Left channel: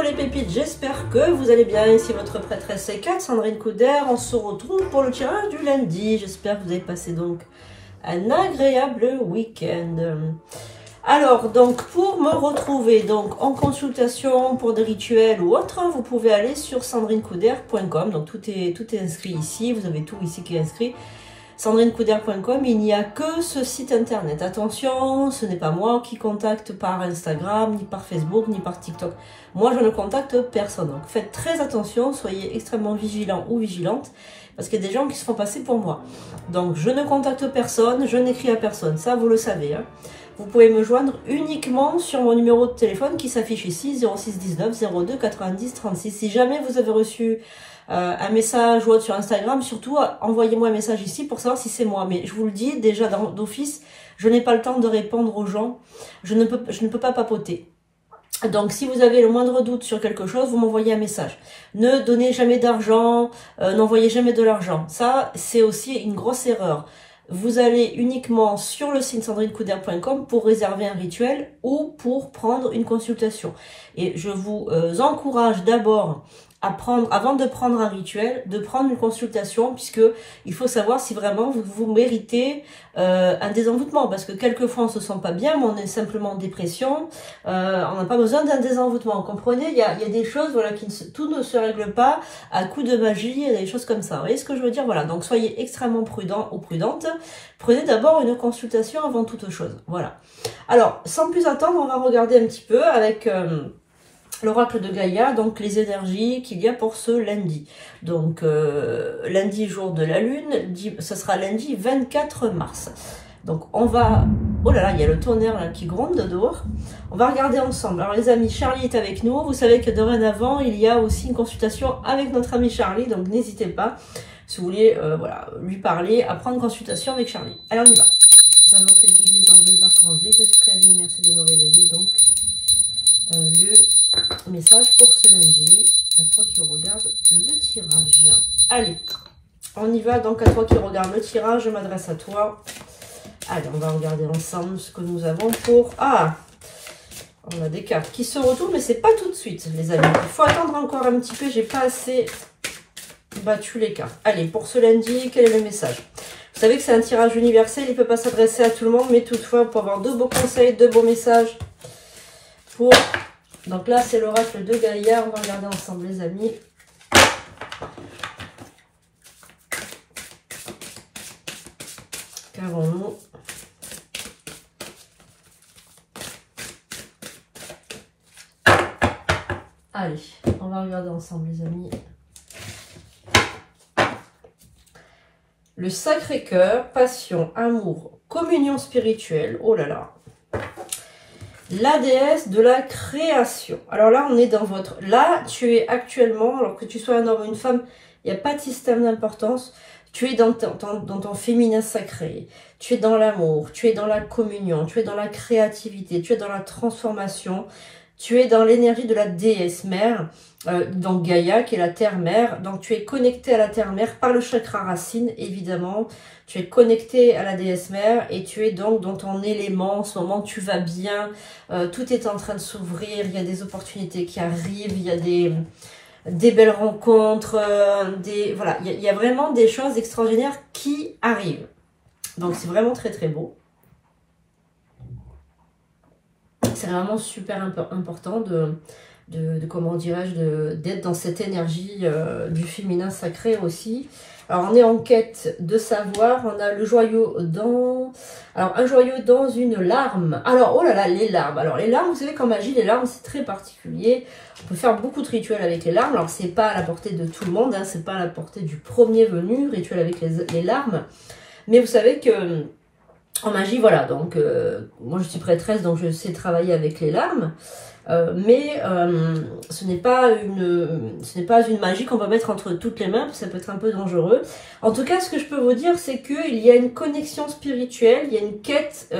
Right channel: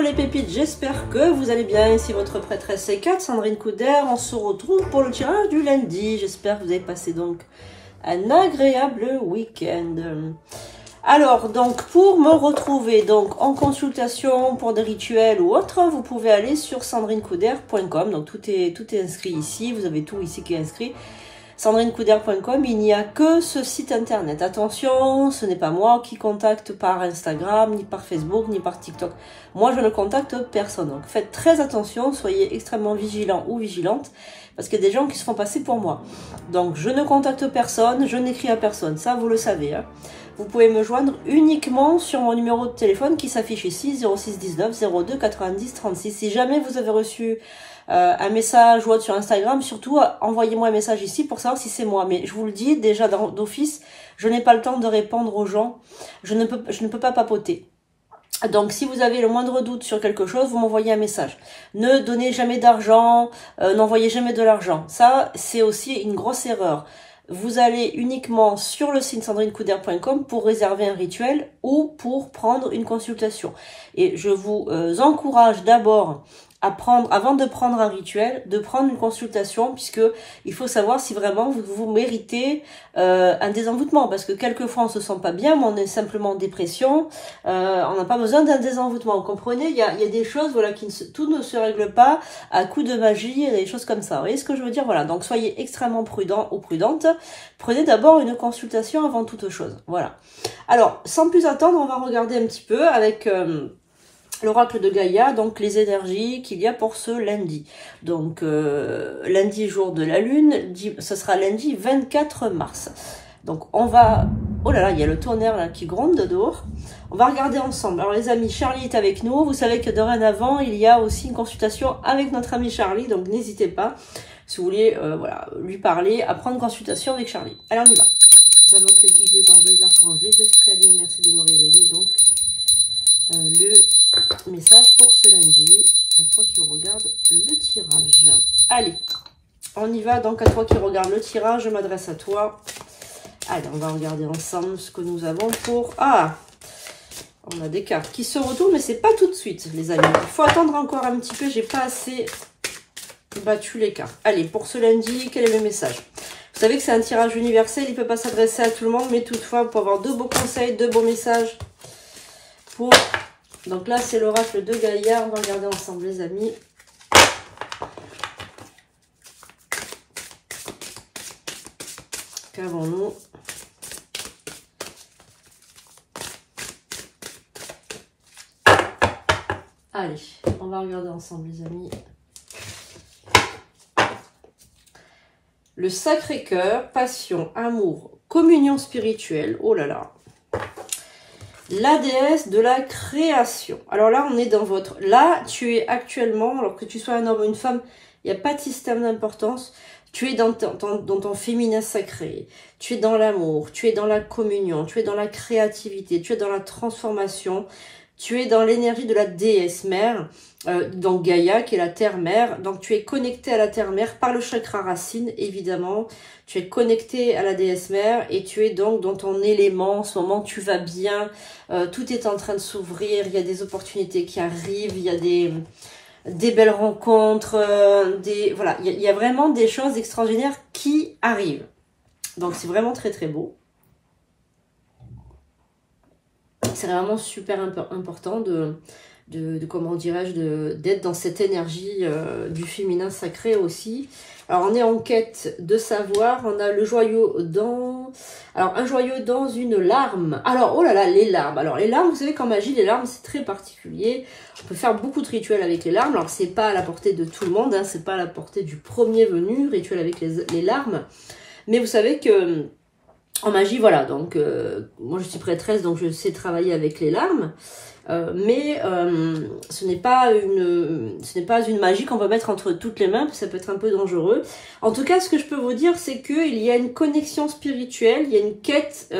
Hello les pépites, j'espère que vous allez bien. Ici votre prêtresse C4, Sandrine Couder. On se retrouve pour le tirage du lundi. J'espère que vous avez passé donc un agréable week-end. Alors, donc, pour me retrouver donc en consultation pour des rituels ou autres, vous pouvez aller sur sandrinecouder.com. Donc, tout est inscrit ici. Vous avez tout ici qui est inscrit. sandrinecouder.com, il n'y a que ce site internet. Attention, ce n'est pas moi qui contacte par Instagram, ni par Facebook, ni par TikTok. Moi, je ne contacte personne. Donc, faites très attention, soyez extrêmement vigilants ou vigilantes, parce qu'il y a des gens qui se font passer pour moi. Donc, je ne contacte personne, je n'écris à personne. Ça, vous le savez. Hein. Vous pouvez me joindre uniquement sur mon numéro de téléphone qui s'affiche ici, 06 19 02 90 36. Si jamais vous avez reçu un message ou autre sur Instagram, surtout envoyez-moi un message ici pour savoir si c'est moi. Mais je vous le dis déjà d'office, je n'ai pas le temps de répondre aux gens. Je ne peux pas papoter. Donc, si vous avez le moindre doute sur quelque chose, vous m'envoyez un message. Ne donnez jamais d'argent, n'envoyez jamais de l'argent. Ça, c'est aussi une grosse erreur. Vous allez uniquement sur le site sandrinecouder.com pour réserver un rituel ou pour prendre une consultation. Et je vous encourage d'abord à prendre, avant de prendre un rituel, de prendre une consultation, puisque il faut savoir si vraiment vous méritez un désenvoûtement, parce que quelquefois on se sent pas bien, mais on est simplement en dépression, on n'a pas besoin d'un désenvoûtement, vous comprenez, il y a des choses, voilà, tout ne se règle pas à coup de magie, des choses comme ça, vous voyez ce que je veux dire, voilà, donc soyez extrêmement prudents ou prudentes, prenez d'abord une consultation avant toute chose, voilà. Alors, sans plus attendre, on va regarder un petit peu avec l'oracle de Gaïa, donc les énergies qu'il y a pour ce lundi. Donc, lundi, jour de la lune, ce sera lundi 24 mars. Donc, on va... Oh là là, il y a le tonnerre là, qui gronde dehors. On va regarder ensemble. Alors, les amis, Charlie est avec nous. Vous savez que dorénavant, il y a aussi une consultation avec notre ami Charlie. Donc, n'hésitez pas, si vous voulez voilà, lui parler, à prendre consultation avec Charlie. Allez, on y va. J'invoque les guides, les anges, les archanges, les esprits alliés. Merci de me réveiller. Donc, le message pour ce lundi, à toi qui regarde le tirage. Allez, on y va donc à toi qui regarde le tirage, je m'adresse à toi. Allez, on va regarder ensemble ce que nous avons pour... Ah, on a des cartes qui se retournent, mais c'est pas tout de suite, les amis. Il faut attendre encore un petit peu, j'ai pas assez battu les cartes. Allez, pour ce lundi, quel est le message? Vous savez que c'est un tirage universel, il ne peut pas s'adresser à tout le monde, mais toutefois, pour avoir de beaux conseils, de beaux messages. Pour... Donc là, c'est l'oracle de Gaïa. On va regarder ensemble, les amis. Qu'avons-nous? Allez, on va regarder ensemble, les amis. Le Sacré-Cœur, passion, amour, communion spirituelle. Oh là là. La déesse de la création. Alors là, on est dans votre... Là, tu es actuellement, alors que tu sois un homme ou une femme, il n'y a pas de système d'importance. Tu es dans ton féminin sacré. Tu es dans l'amour. Tu es dans la communion. Tu es dans la créativité. Tu es dans la transformation. Tu es dans l'énergie de la déesse mère. Donc Gaïa, qui est la terre-mère. Donc tu es connecté à la terre-mère par le chakra racine, évidemment. Tu es connecté à la déesse mère et tu es donc dans ton élément. En ce moment, tu vas bien. Tout est en train de s'ouvrir. Il y a des opportunités qui arrivent. Il y a des belles rencontres. Voilà, il y a vraiment des choses extraordinaires qui arrivent. Donc c'est vraiment très très beau. C'est vraiment super important comment dirais-je, d'être dans cette énergie du féminin sacré aussi. Alors, on est en quête de savoir. On a le joyau dans... Alors, un joyau dans une larme. Alors, oh là là, les larmes. Alors, les larmes, vous savez qu'en magie, les larmes, c'est très particulier. On peut faire beaucoup de rituels avec les larmes. Alors, c'est pas à la portée de tout le monde. Hein, c'est pas à la portée du premier venu, rituel avec les larmes. Mais vous savez que... En magie, voilà, donc moi je suis prêtresse, donc je sais travailler avec les larmes, mais ce n'est pas une magie qu'on peut mettre entre toutes les mains, parce que ça peut être un peu dangereux. En tout cas, ce que je peux vous dire, c'est qu'il y a une connexion spirituelle, il y a une quête.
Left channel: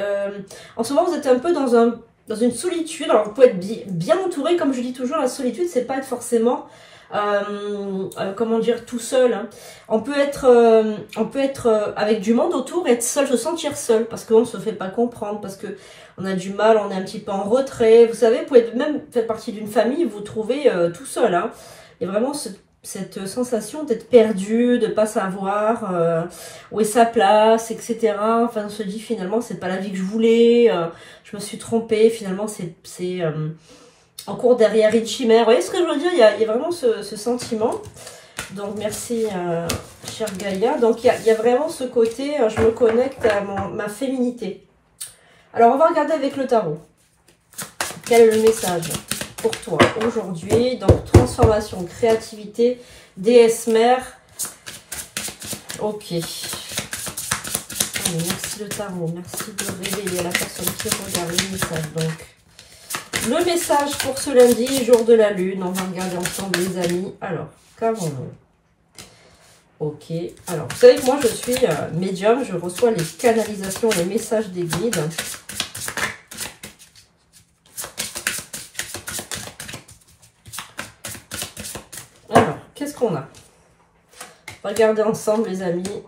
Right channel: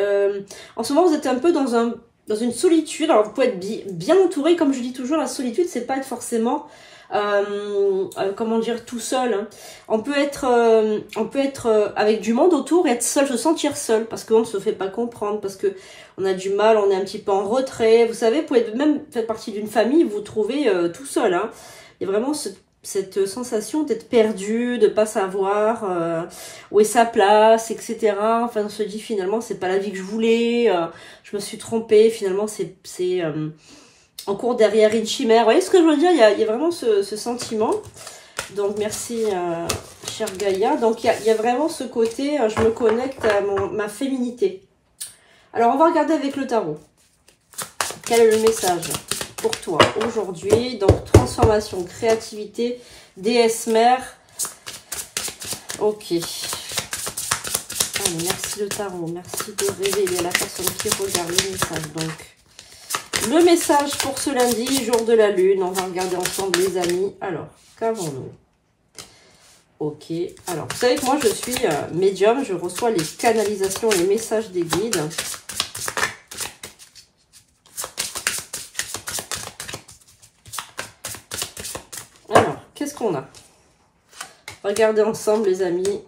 En ce moment, vous êtes un peu dans une solitude. Alors, vous pouvez être bien entouré, comme je dis toujours, la solitude, c'est pas être forcément comment dire, tout seul. Hein. On peut être avec du monde autour, être seul, se sentir seul, parce qu'on ne se fait pas comprendre, parce que on a du mal, on est un petit peu en retrait. Vous savez, vous pouvez même faire partie d'une famille, vous vous trouvez tout seul. Hein. Il y a vraiment cette sensation d'être perdu, de pas savoir où est sa place, etc. Enfin, on se dit finalement, c'est pas la vie que je voulais, je me suis trompée, finalement, c'est en cours derrière une chimère. Vous voyez ce que je veux dire, il y a vraiment ce sentiment. Donc, merci, chère Gaïa. Donc, il y a vraiment ce côté, je me connecte à ma féminité. Alors, on va regarder avec le tarot. Quel est le message pour toi aujourd'hui? Donc, transformation, créativité, déesse mère. Ok. Allez, merci le tarot. Merci de révéler la personne qui regarde le message. Donc, le message pour ce lundi, jour de la lune. On va regarder ensemble, les amis. Alors, qu'avons-nous? Ok. Alors, vous savez que moi, je suis médium. Je reçois les canalisations, les messages des guides. Alors, qu'est-ce qu'on a? Regardez ensemble, les amis.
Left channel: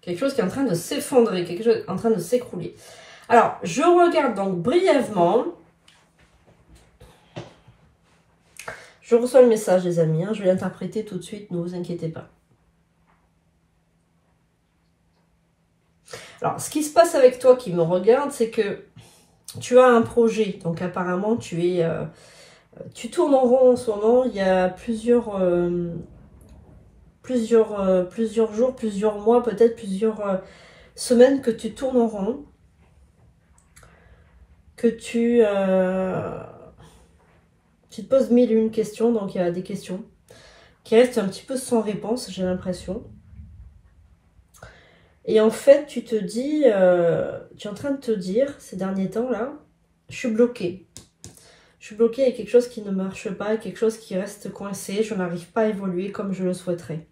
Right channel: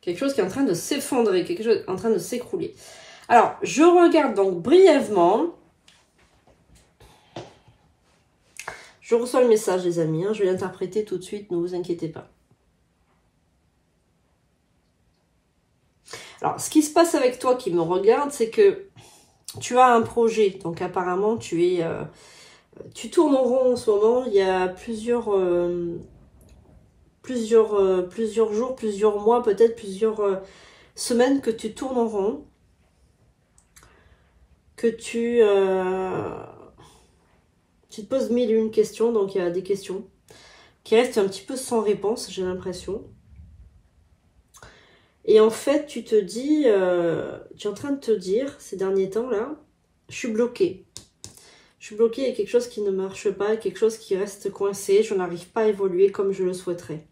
Quelque chose qui est en train de s'effondrer, quelque chose en train de s'écrouler. Alors, je regarde donc brièvement. Je reçois le message, les amis. Hein, je vais l'interpréter tout de suite, ne vous inquiétez pas. Alors, ce qui se passe avec toi qui me regarde, c'est que tu as un projet. Donc, apparemment, tu tournes en rond en ce moment. Il y a plusieurs jours, plusieurs mois, peut-être plusieurs semaines que tu tournes en rond. Que tu te poses mille et une questions. Donc, il y a des questions qui restent un petit peu sans réponse, j'ai l'impression. Et en fait, tu te dis, tu es en train de te dire, ces derniers temps-là, je suis bloquée. Je suis bloquée, il y a quelque chose qui ne marche pas, quelque chose qui reste coincé, je n'arrive pas à évoluer comme je le souhaiterais.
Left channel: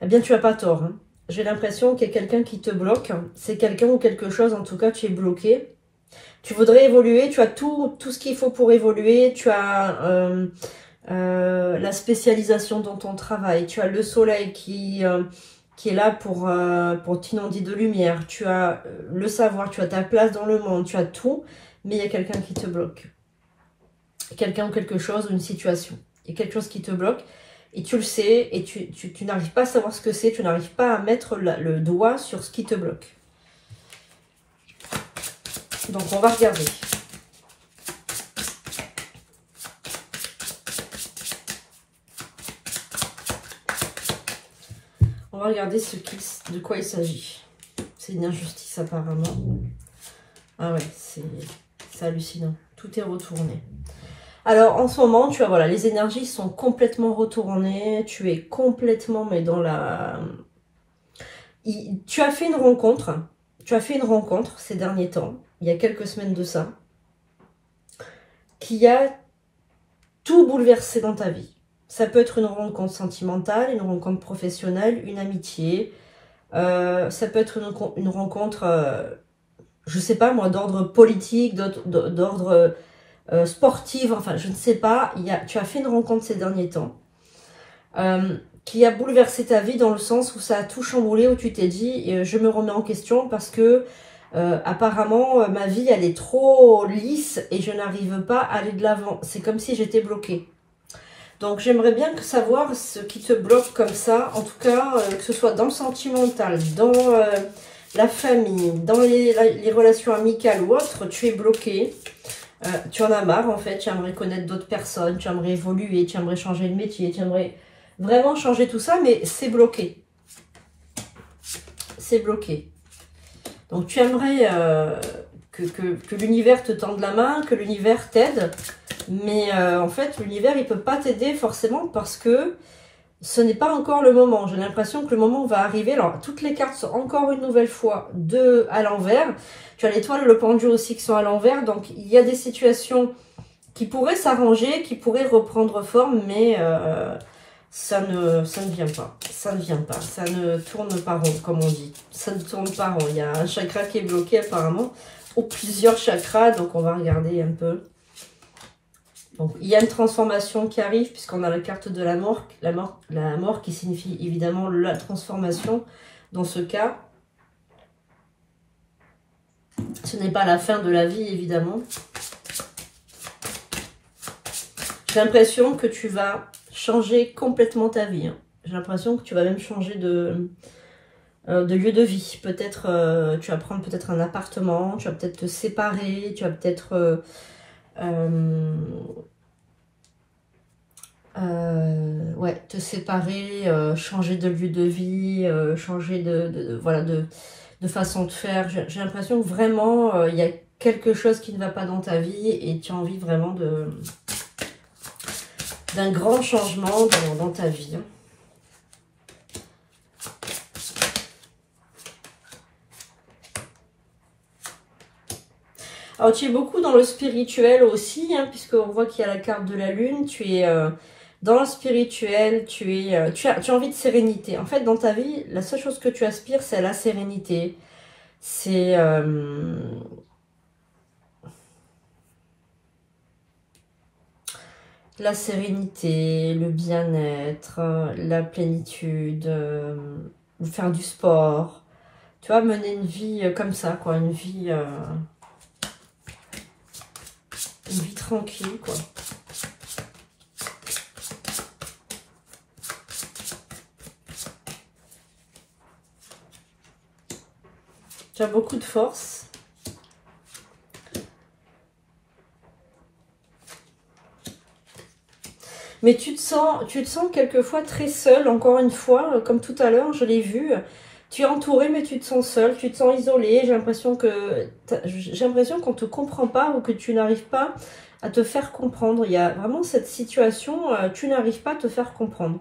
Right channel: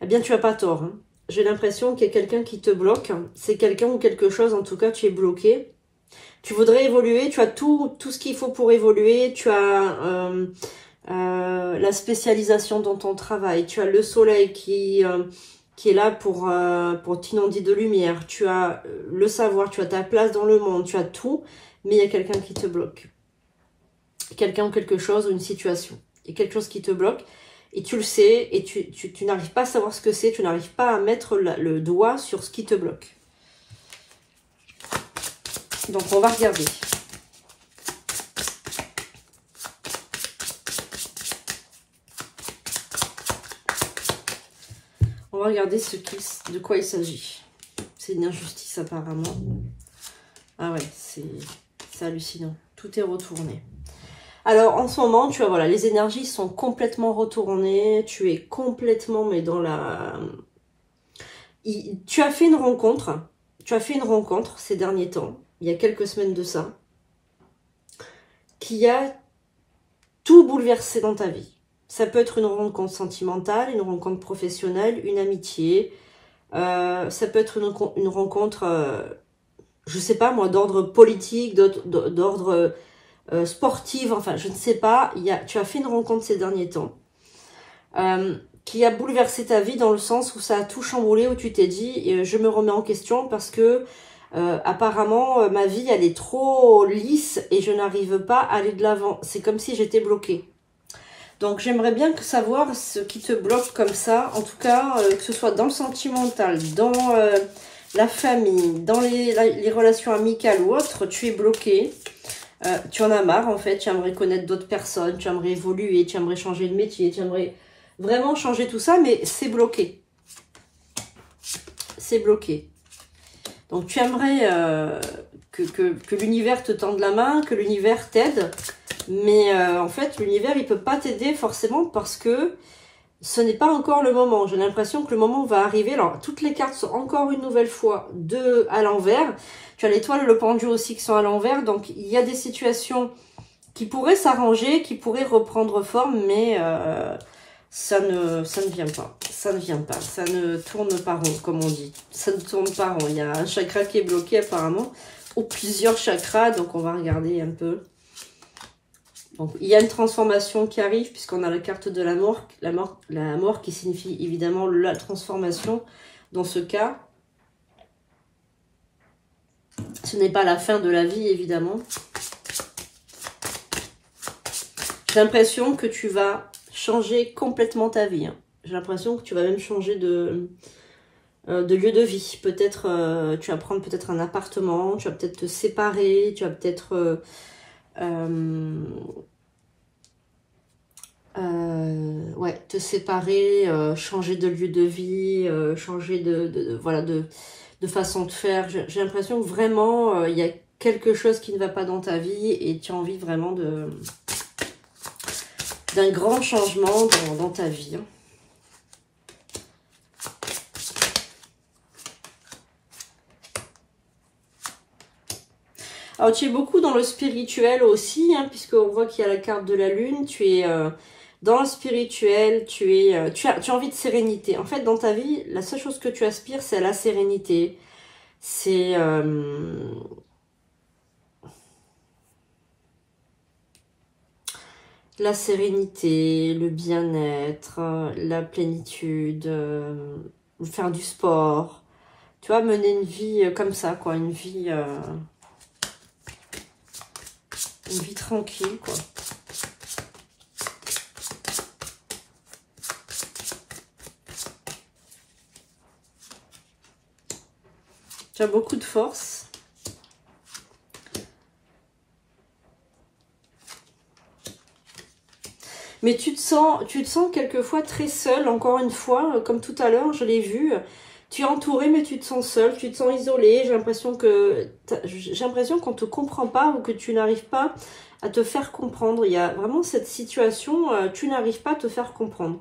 Eh bien, tu n'as pas tort. Hein. J'ai l'impression qu'il y a quelqu'un qui te bloque. C'est quelqu'un ou quelque chose, en tout cas, tu es bloqué. Tu voudrais évoluer, tu as tout ce qu'il faut pour évoluer, tu as la spécialisation dans ton travail, tu as le soleil qui est là pour t'inonder de lumière, tu as le savoir, tu as ta place dans le monde, tu as tout, mais il y a quelqu'un qui te bloque. Quelqu'un ou quelque chose ou une situation. Il y a quelque chose qui te bloque et tu le sais et tu n'arrives pas à savoir ce que c'est, tu n'arrives pas à mettre le doigt sur ce qui te bloque. Donc, on va regarder. On va regarder de quoi il s'agit. C'est une injustice apparemment. Ah ouais, c'est hallucinant. Tout est retourné. Alors, en ce moment, tu vois, voilà, les énergies sont complètement retournées. Tu es complètement, mais dans la... Tu as fait une rencontre. Tu as fait une rencontre ces derniers temps, il y a quelques semaines de ça, qui a tout bouleversé dans ta vie. Ça peut être une rencontre sentimentale, une rencontre professionnelle, une amitié. Ça peut être une rencontre, je ne sais pas moi, d'ordre politique, d'ordre sportif, enfin je ne sais pas. Tu as fait une rencontre ces derniers temps qui a bouleversé ta vie dans le sens où ça a tout chamboulé, où tu t'es dit je me remets en question parce que apparemment ma vie elle est trop lisse et je n'arrive pas à aller de l'avant. C'est comme si j'étais bloquée. Donc j'aimerais bien savoir ce qui te bloque comme ça, en tout cas que ce soit dans le sentimental, dans la famille, dans les relations amicales ou autres, tu es bloqué. Tu en as marre en fait, tu aimerais connaître d'autres personnes, tu aimerais évoluer, tu aimerais changer de métier, tu aimerais vraiment changer tout ça, mais c'est bloqué. C'est bloqué. Donc tu aimerais que l'univers te tende la main, que l'univers t'aide, mais en fait l'univers il peut pas t'aider forcément parce que ce n'est pas encore le moment. J'ai l'impression que le moment va arriver. Alors toutes les cartes sont encore une nouvelle fois à l'envers. Tu as l'étoile et le pendu aussi qui sont à l'envers, donc il y a des situations qui pourraient s'arranger, qui pourraient reprendre forme, mais ça ne vient pas. Ça ne vient pas. Ça ne tourne pas rond, comme on dit. Ça ne tourne pas rond. Il y a un chakra qui est bloqué apparemment, ou plusieurs chakras, donc on va regarder un peu. Donc, il y a une transformation qui arrive, puisqu'on a la carte de la mort qui signifie évidemment la transformation dans ce cas. Ce n'est pas la fin de la vie, évidemment. J'ai l'impression que tu vas changer complètement ta vie. Hein. J'ai l'impression que tu vas même changer de lieu de vie. Peut-être, tu vas prendre peut-être un appartement, tu vas peut-être te séparer, tu vas peut-être... ouais, te séparer, changer de lieu de vie, changer voilà, de façon de faire. J'ai l'impression que vraiment, il y a quelque chose qui ne va pas dans ta vie et tu as envie vraiment d'un grand changement dans ta vie. Alors, tu es beaucoup dans le spirituel aussi, hein, puisqu'on voit qu'il y a la carte de la lune. Tu es dans le spirituel, tu as envie de sérénité. En fait, dans ta vie, la seule chose que tu aspires, c'est à la sérénité. C'est... la sérénité, le bien-être, la plénitude, faire du sport. Tu vois, mener une vie comme ça, quoi. Une vie tranquille, quoi. Tu as beaucoup de force. Mais tu te sens quelquefois très seul, encore une fois, comme tout à l'heure, je l'ai vu. Tu es entouré, mais tu te sens seul, tu te sens isolé. J'ai l'impression qu'on ne te comprend pas ou que tu n'arrives pas à te faire comprendre. Il y a vraiment cette situation, tu n'arrives pas à te faire comprendre.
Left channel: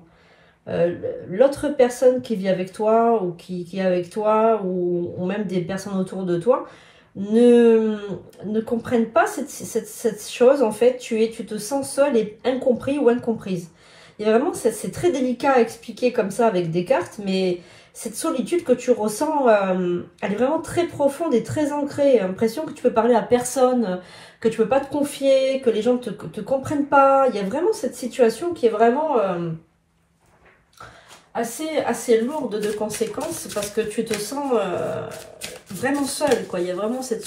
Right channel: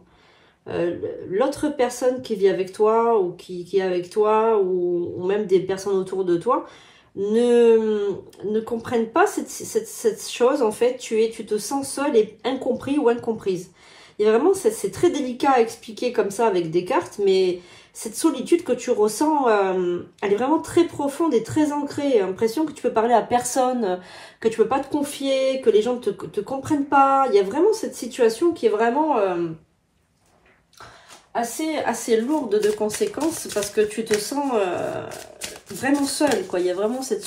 L'autre personne qui vit avec toi ou qui est avec toi ou même des personnes autour de toi ne comprennent pas cette chose. En fait, tu te sens seul et incompris ou incomprise. Il y a vraiment, c'est très délicat à expliquer comme ça avec des cartes, mais cette solitude que tu ressens, elle est vraiment très profonde et très ancrée. L'impression que tu peux parler à personne, que tu peux pas te confier, que les gens te comprennent pas. Il y a vraiment cette situation qui est vraiment assez lourde de conséquences parce que tu te sens vraiment seul, quoi. Il y a vraiment cette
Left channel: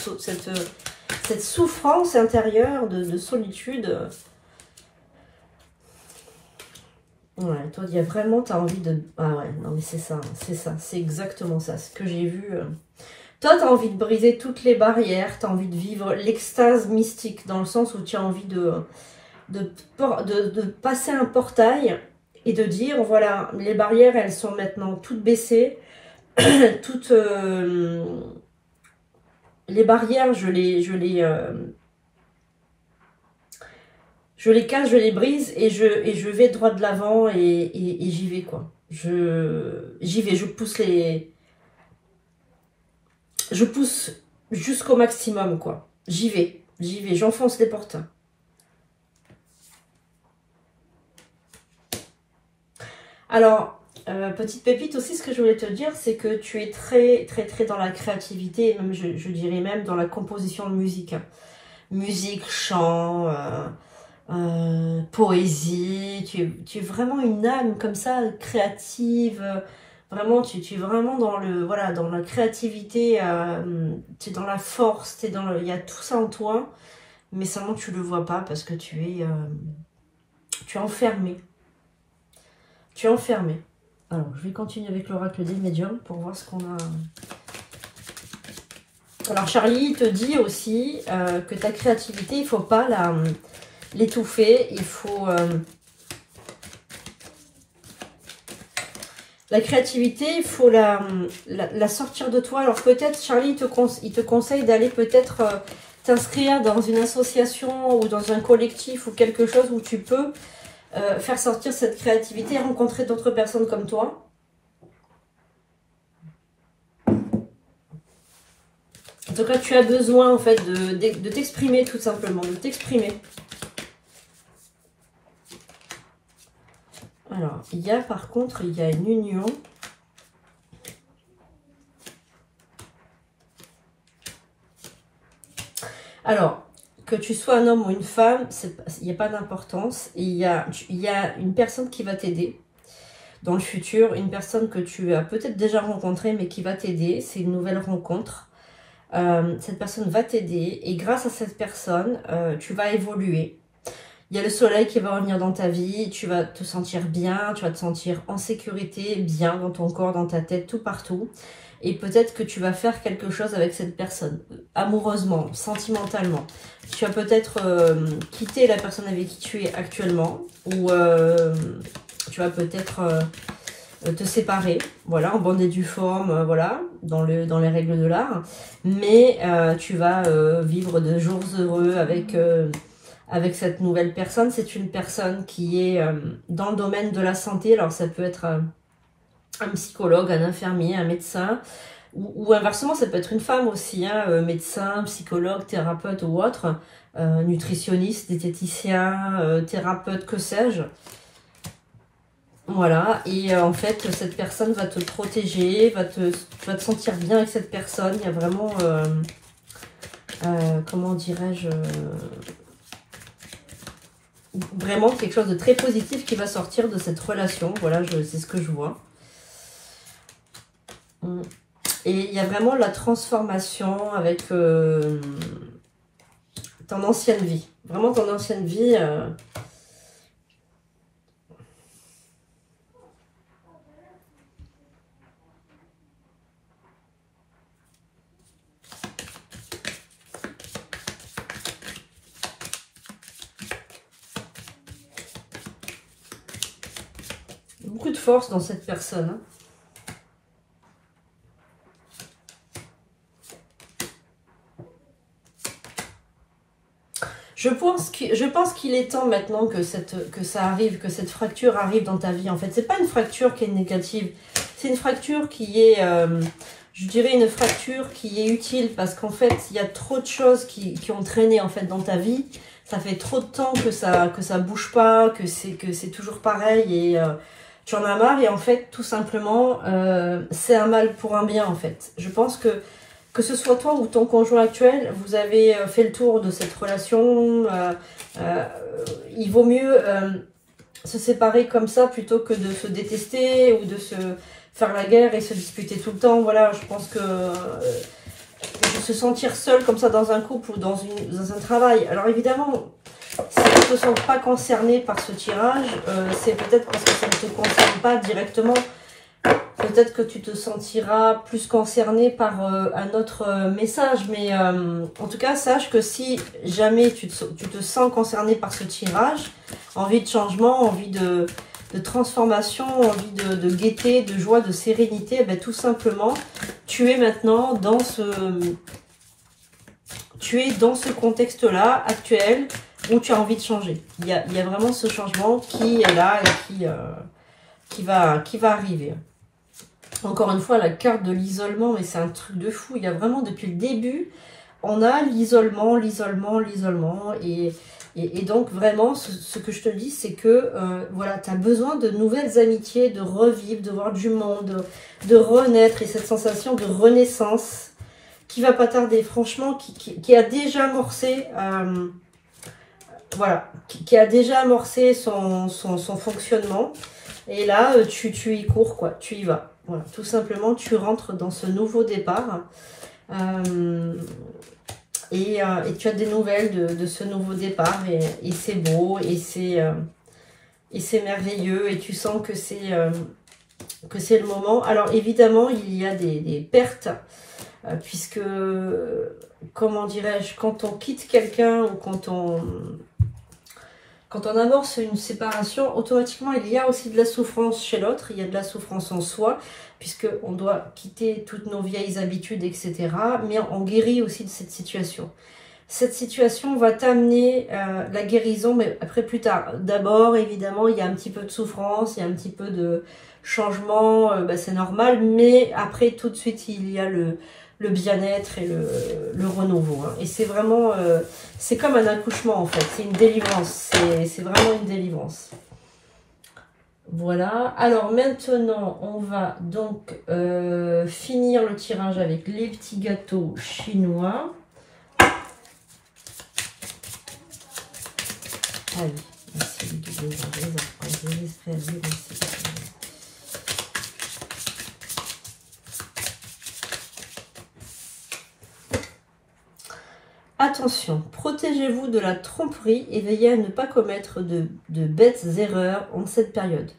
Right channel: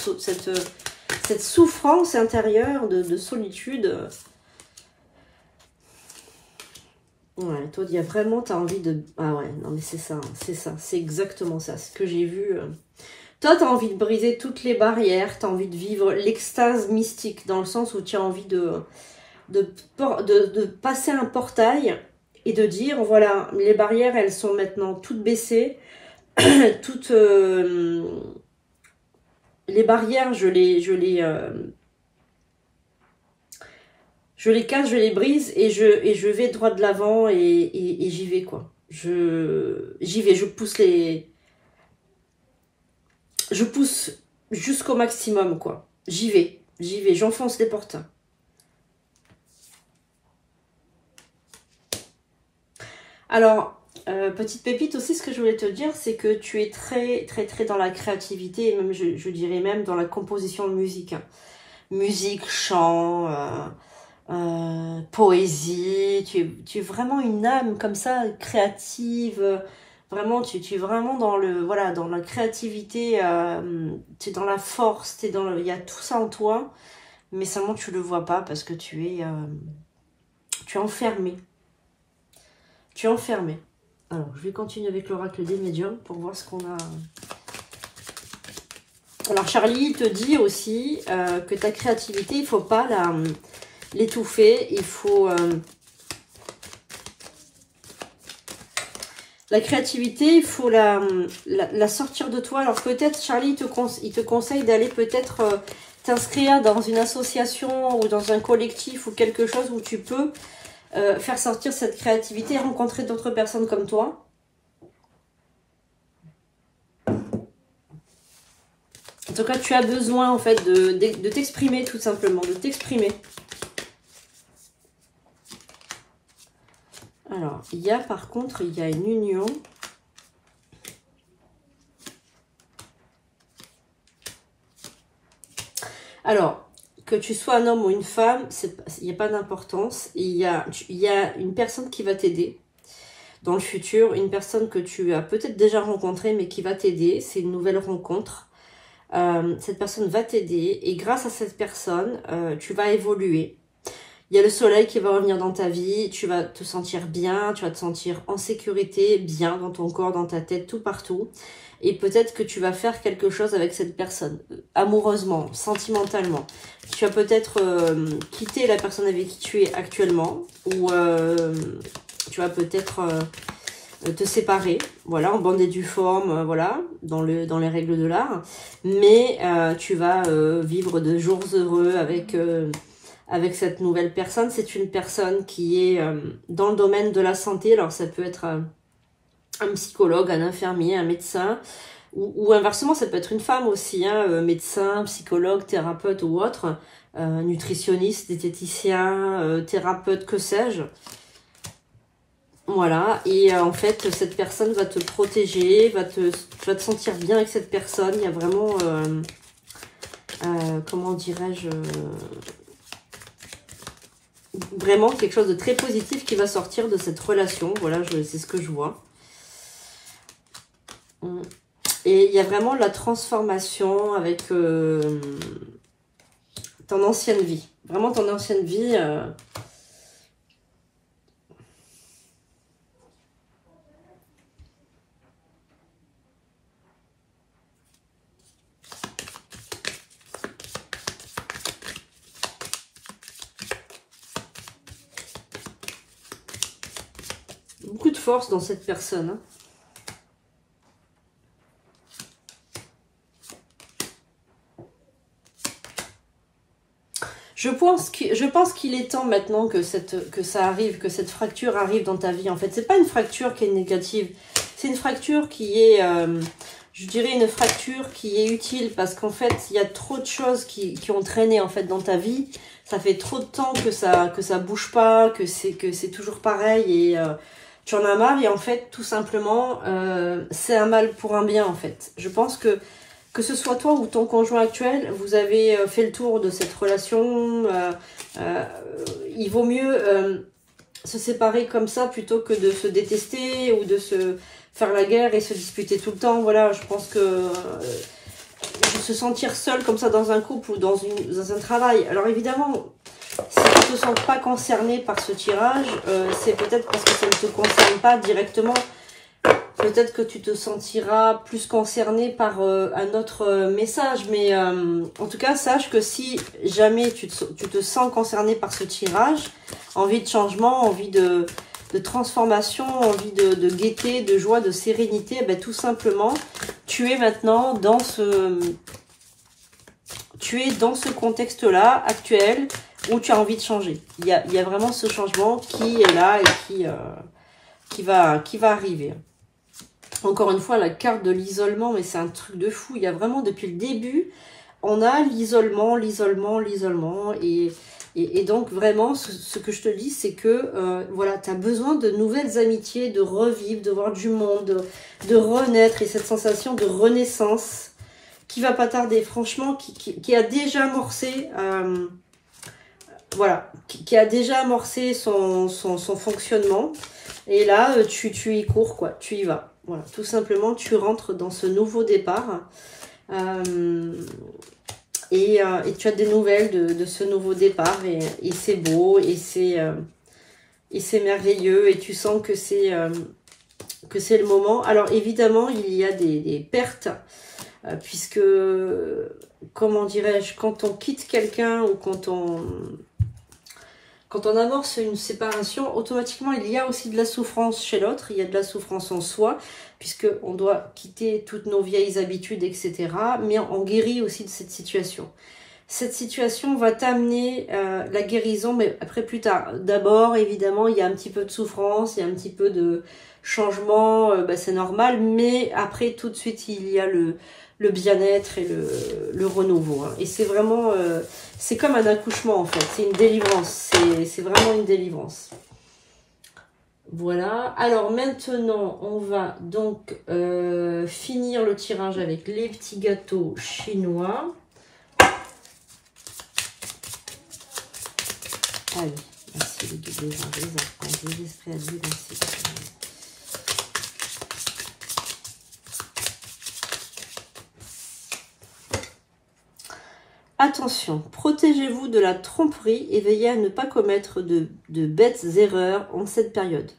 souffrance intérieure de solitude. Ouais, toi, il y a vraiment, tu as envie de... Ah ouais, non mais c'est ça, c'est exactement ça, ce que j'ai vu. Toi, tu as envie de briser toutes les barrières, tu as envie de vivre l'extase mystique, dans le sens où tu as envie de passer un portail et de dire, voilà, les barrières, elles sont maintenant toutes baissées, toutes... les barrières, je les casse, je les brise et je vais droit de l'avant et j'y vais, quoi. J'y vais, je pousse jusqu'au maximum, quoi. J'y vais, j'enfonce les portes. Alors, petite pépite aussi, ce que je voulais te dire, c'est que tu es très, très, très dans la créativité, et même, je dirais même dans la composition de musique. Musique, chant... poésie, tu es vraiment une âme comme ça, créative, vraiment, tu es vraiment dans dans la créativité, tu es dans la force, il y a tout ça en toi, mais seulement tu le vois pas parce que tu es enfermé. Tu es enfermé. Alors, je vais continuer avec l'oracle des médiums pour voir ce qu'on a. Alors, Charlie te dit aussi que ta créativité, il faut pas l'étouffer, il faut... la créativité, il faut la sortir de toi. Alors peut-être, Charlie, il te conseille d'aller peut-être t'inscrire dans une association ou dans un collectif ou quelque chose où tu peux faire sortir cette créativité et rencontrer d'autres personnes comme toi. En tout cas, tu as besoin en fait de t'exprimer tout simplement, de t'exprimer. Alors, il y a par contre, il y a une union. Alors, que tu sois un homme ou une femme, il n'y a pas d'importance. Il y a une personne qui va t'aider dans le futur, une personne que tu as peut-être déjà rencontrée, mais qui va t'aider. C'est une nouvelle rencontre. Cette personne va t'aider et grâce à cette personne, tu vas évoluer. Il y a le soleil qui va revenir dans ta vie, tu vas te sentir bien, tu vas te sentir en sécurité, bien dans ton corps, dans ta tête, tout partout. Et peut-être que tu vas faire quelque chose avec cette personne, amoureusement, sentimentalement. Tu vas peut-être quitter la personne avec qui tu es actuellement, ou tu vas peut-être te séparer, voilà, en bonne et due forme, voilà, dans les règles de l'art. Mais tu vas vivre de jours heureux avec cette nouvelle personne. C'est une personne qui est dans le domaine de la santé. Alors ça peut être un psychologue, un infirmier, un médecin, ou inversement, ça peut être une femme aussi, hein, médecin, psychologue, thérapeute ou autre, nutritionniste, diététicien, thérapeute, que sais-je. Voilà, et en fait, cette personne va te protéger, tu vas te sentir bien avec cette personne. Il y a vraiment, comment dirais-je, vraiment quelque chose de très positif qui va sortir de cette relation. Voilà, c'est ce que je vois. Et il y a vraiment la transformation avec ton ancienne vie. Vraiment ton ancienne vie. Beaucoup de force dans cette personne. Hein. Je pense qu'il est temps maintenant que ça arrive, que cette fracture arrive dans ta vie. En fait, c'est pas une fracture qui est négative. C'est une fracture qui est, je dirais, une fracture qui est utile parce qu'en fait, il y a trop de choses qui ont traîné en fait dans ta vie. Ça fait trop de temps que ça bouge pas, que c'est toujours pareil et tu en as marre. Et en fait, tout simplement, c'est un mal pour un bien en fait. Je pense que ce soit toi ou ton conjoint actuel, vous avez fait le tour de cette relation. Il vaut mieux se séparer comme ça plutôt que de se détester ou de se faire la guerre et se disputer tout le temps. Voilà, je pense que se sentir seul comme ça dans un couple ou dans un travail. Alors évidemment, si tu ne te sens pas concerné par ce tirage, c'est peut-être parce que ça ne te concerne pas directement. Peut-être que tu te sentiras plus concerné par un autre message, mais en tout cas, sache que si jamais tu te sens concerné par ce tirage, envie de changement, envie de transformation, envie de gaieté, de joie, de sérénité, eh bien, tout simplement, tu es maintenant dans ce contexte-là actuel où tu as envie de changer. Il y a vraiment ce changement qui est là et qui va arriver. Encore une fois, la carte de l'isolement, mais c'est un truc de fou. Il y a vraiment, depuis le début, on a l'isolement. Et donc, vraiment, ce que je te dis, c'est que, voilà, tu as besoin de nouvelles amitiés, de revivre, de voir du monde, de renaître. Et cette sensation de renaissance qui va pas tarder, franchement, qui a déjà amorcé... voilà, qui a déjà amorcé son fonctionnement. Et là, tu y cours, quoi, tu y vas. Voilà, tout simplement, tu rentres dans ce nouveau départ. Et tu as des nouvelles de ce nouveau départ. Et c'est beau, et c'est merveilleux. Et tu sens que c'est le moment. Alors, évidemment, il y a des pertes. Puisque, comment dirais-je, quand on quitte quelqu'un ou quand on amorce une séparation, automatiquement, il y a aussi de la souffrance chez l'autre. Il y a de la souffrance en soi, puisqu'on doit quitter toutes nos vieilles habitudes, etc. Mais on guérit aussi de cette situation. Cette situation va t'amener la guérison, mais après, plus tard. D'abord, évidemment, il y a un petit peu de souffrance, il y a un petit peu de changement, c'est normal. Mais après, tout de suite, il y a le bien-être et le renouveau. Hein. Et c'est vraiment... c'est comme un accouchement, en fait. C'est une délivrance. C'est vraiment une délivrance. Voilà. Alors maintenant, on va donc finir le tirage avec les petits gâteaux chinois. Allez, merci les esprits à dire merci. Attention, protégez-vous de la tromperie et veillez à ne pas commettre de bêtes erreurs en cette période.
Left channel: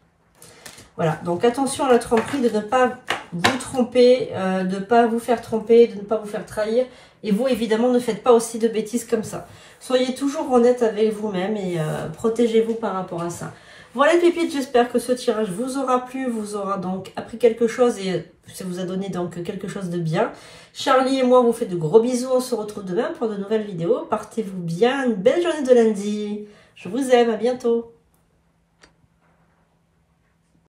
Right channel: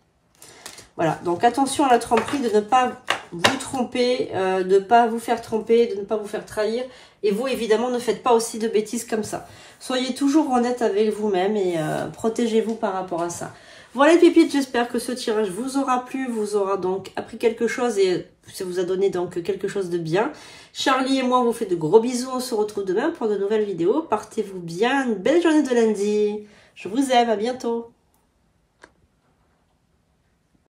Voilà, donc attention à la tromperie, de ne pas vous tromper, de ne pas vous faire tromper, de ne pas vous faire trahir. Et vous, évidemment, ne faites pas aussi de bêtises comme ça. Soyez toujours honnête avec vous-même et protégez-vous par rapport à ça. Voilà les pépites, j'espère que ce tirage vous aura plu, vous aura donc appris quelque chose et ça vous a donné donc quelque chose de bien. Charlie et moi, on vous fait de gros bisous, on se retrouve demain pour de nouvelles vidéos. Partez-vous bien, une belle journée de lundi. Je vous aime, à bientôt.